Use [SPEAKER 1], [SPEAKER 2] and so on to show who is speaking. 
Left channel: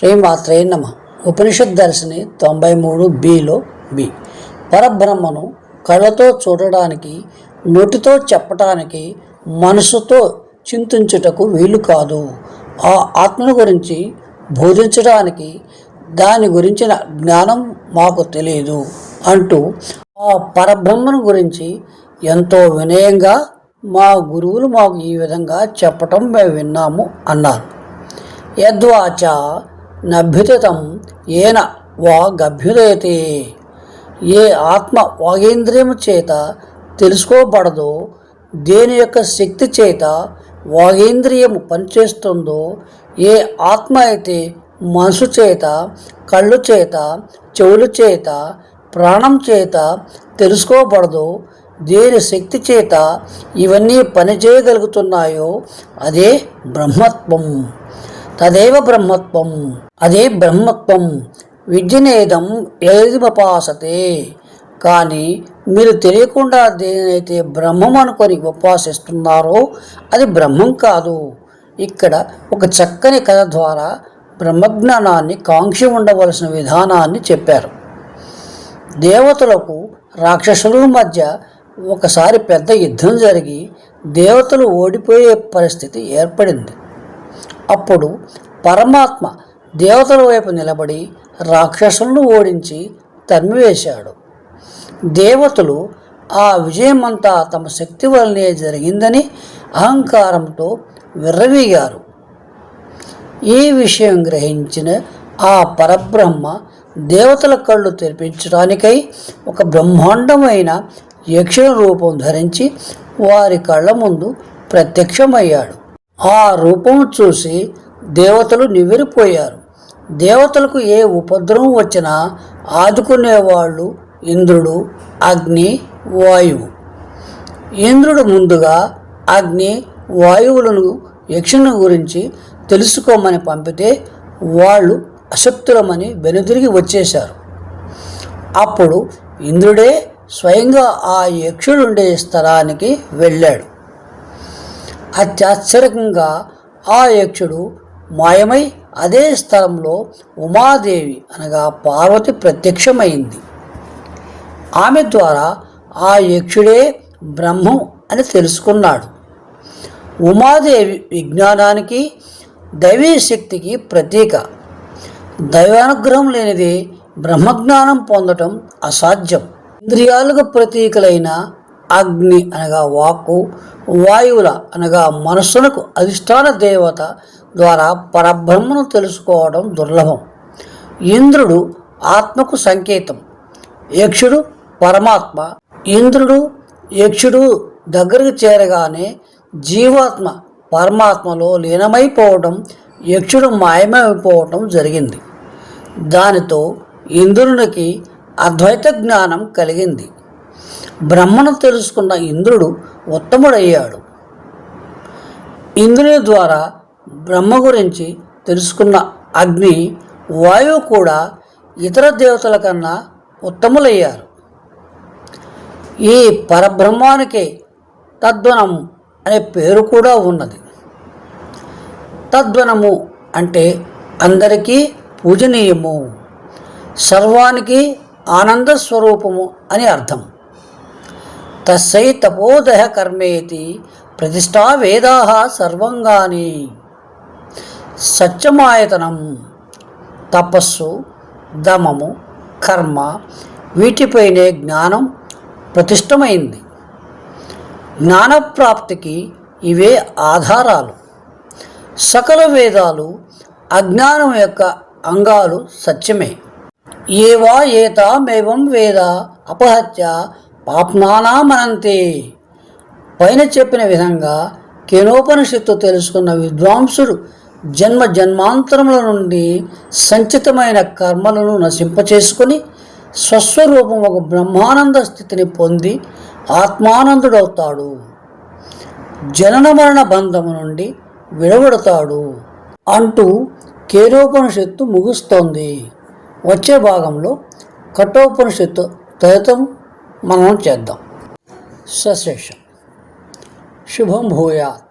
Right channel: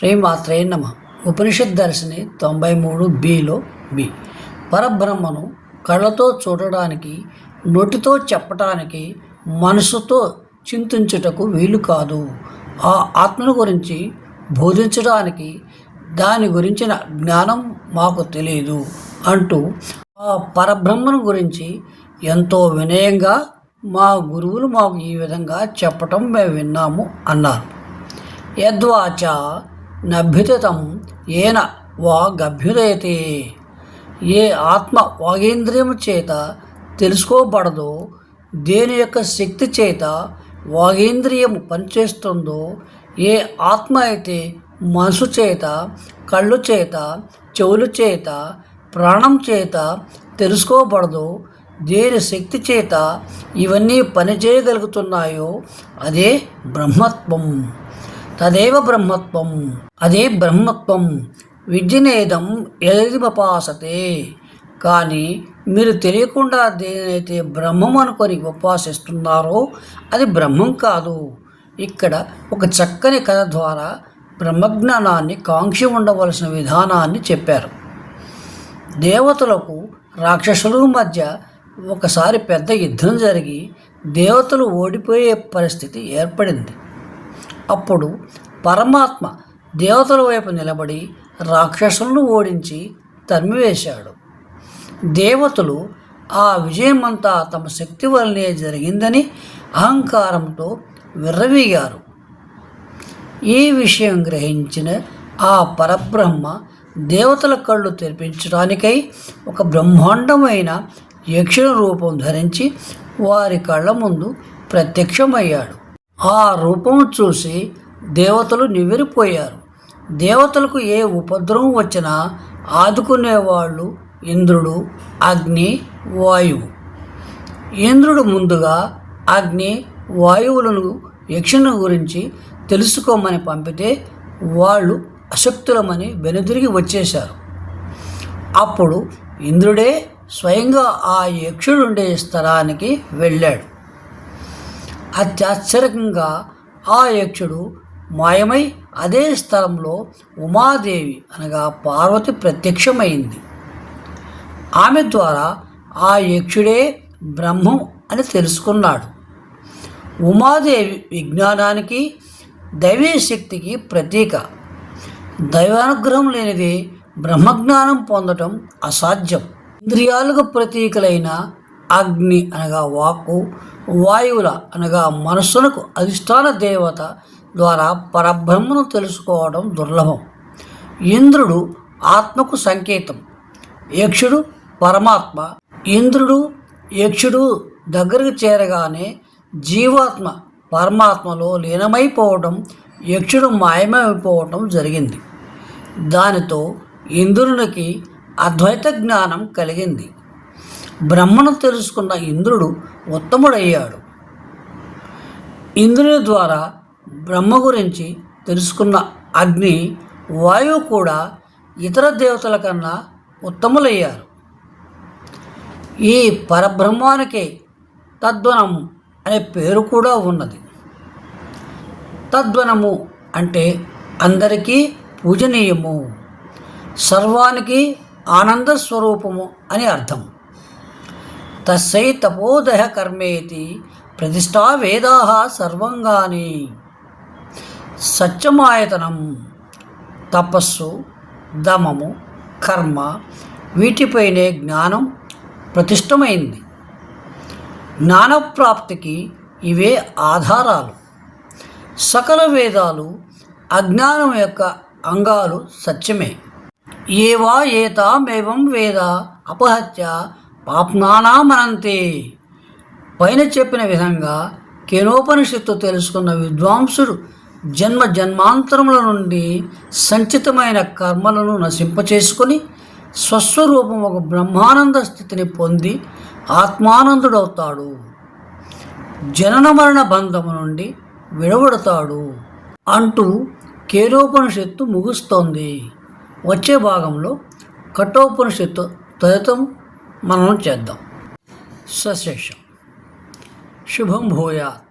[SPEAKER 1] శ్రీమాత్రే నమ. ఉపనిషత్ దర్శిని తొంభై మూడు బిలో బి. పరబ్రహ్మను కళ్ళతో చూడడానికి నోటితో చెప్పటానికి మనసుతో చింతించుటకు వీలు కాదు. ఆ ఆత్మను గురించి బోధించడానికి దాని గురించిన జ్ఞానం మాకు తెలియదు అంటూ ఆ పరబ్రహ్మను గురించి ఎంతో వినయంగా మా గురువులు మాకు ఈ విధంగా చెప్పటం మేము విన్నాము అన్నారు. యద్వాచ నభ్యుతితం ఏన వా గభ్యుదయతే. ఏ ఆత్మ వాగేంద్రియము చేత తెలుసుకోబడదో దేని యొక్క శక్తి చేత వాగేంద్రియము పనిచేస్తుందో ఏ ఆత్మ అయితే మనసు చేత కళ్ళు చేత చెవుల చేత ప్రాణం చేత తెలుసుకోబడదో దేని శక్తి చేత ఇవన్నీ పనిచేయగలుగుతున్నాయో అదే బ్రహ్మత్వం. తదేవ బ్రహ్మత్వం. అదే బ్రహ్మత్వం. విద్యనేదం ఏదిమపాసతే. కానీ మీరు తెలియకుండా దేనైతే బ్రహ్మం అనుకొని ఉపాసిస్తున్నారో అది బ్రహ్మం కాదు. ఇక్కడ ఒక చక్కని కథ ద్వారా బ్రహ్మజ్ఞానాన్ని కాంక్షి ఉండవలసిన విధానాన్ని చెప్పారు. దేవతలకు రాక్షసుల మధ్య ఒకసారి పెద్ద యుద్ధం జరిగి దేవతలు ఓడిపోయే పరిస్థితి ఏర్పడింది. అప్పుడు పరమాత్మ దేవతల వైపు నిలబడి రాక్షసులను ఓడించి తరిమివేశాడు. దేవతలు ఆ విజయమంతా తమ శక్తి వల్లనే జరిగిందని అహంకారంతో విర్రవీగారు. ఈ విషయం గ్రహించిన ఆ పరబ్రహ్మ దేవతల కళ్ళు తెరిపించడానికై ఒక బ్రహ్మాండమైన యక్షుల రూపం ధరించి వారి కళ్ళ ముందు ప్రత్యక్షమయ్యాడు. ఆ రూపం చూసి దేవతలు నివ్వెరిపోయారు. దేవతలకు ఏ ఉపద్రవం వచ్చినా ఆదుకునేవాళ్ళు ఇంద్రుడు అగ్ని వాయువు. ఇంద్రుడు ముందుగా అగ్ని వాయువులను యక్షుని గురించి తెలుసుకోమని పంపితే వాళ్ళు అశక్తులమని వెనుదిరిగి వచ్చేశారు. అప్పుడు ఇంద్రుడే స్వయంగా ఆ యక్షుడుండే స్థలానికి వెళ్ళాడు. అత్యాశ్చర్యంగా ఆ యక్షుడు మాయమై అదే స్థలంలో ఉమాదేవి అనగా పార్వతి ప్రత్యక్షమైంది. ఆమె ద్వారా ఆ యక్షుడే బ్రహ్మం అని తెలుసుకున్నాడు. ఉమాదేవి విజ్ఞానానికి దైవీ శక్తికి ప్రతీక. దైవానుగ్రహం లేనిది బ్రహ్మజ్ఞానం పొందటం అసాధ్యం. ఇంద్రియాలకు ప్రతీకలైన అగ్ని అనగా వాక్కు వాయువుల అనగా మనస్సునకు అధిష్టాన దేవత ద్వారా పరబ్రహ్మను తెలుసుకోవడం దుర్లభం. ఇంద్రుడు ఆత్మకు సంకేతం. యక్షుడు పరమాత్మ. ఇంద్రుడు యక్షుడు దగ్గరకు చేరగానే జీవాత్మ పరమాత్మలో లీనమైపోవడం యక్షుడు మాయమైపోవటం జరిగింది. దానితో ఇంద్రునికి అద్వైత జ్ఞానం కలిగింది. బ్రహ్మను తెలుసుకున్న ఇంద్రుడు ఉత్తముడయ్యాడు. ఇంద్రుని ద్వారా బ్రహ్మ గురించి తెలుసుకున్న అగ్ని వాయువు కూడా ఇతర దేవతల కన్నా ఉత్తములయ్యారు. ఈ పరబ్రహ్మానికి తద్వనం అనే పేరు కూడా ఉన్నది. తద్వనము అంటే అందరికీ పూజనీయము సర్వానికి ఆనంద స్వరూపము అని అర్థం. తస్సై తపోదహ కర్మేతి ప్రతిష్టా వేదా సర్వంగాని సత్యమాయతనం తపస్సు దమము కర్మ వీటిపైనే జ్ఞానం ప్రతిష్టమైంది. జ్ఞానప్రాప్తికి ఇవే ఆధారాలు. సకల వేదాలు అజ్ఞానం యొక్క అంగాలు సత్యమే. ఏవా ఏతామేవం వేద అపహత్య పాప్నానామనంతే. పైన చెప్పిన విధంగా కేనోపనిషత్తు తెలుసుకున్న విద్వాంసుడు జన్మ జన్మాంతరముల నుండి సంచితమైన కర్మలను నశింపచేసుకొని స్వస్వరూపం ఒక బ్రహ్మానంద స్థితిని పొంది ఆత్మానందుడవుతాడు. జనన మరణ బంధము నుండి విడవడతాడు అంటూ కేరోపనిషత్తు ముగుస్తోంది. వచ్చే భాగంలో కఠోపనిషత్తు తదితం మనం చేద్దాం. సశేషం. శుభం భూయాత్.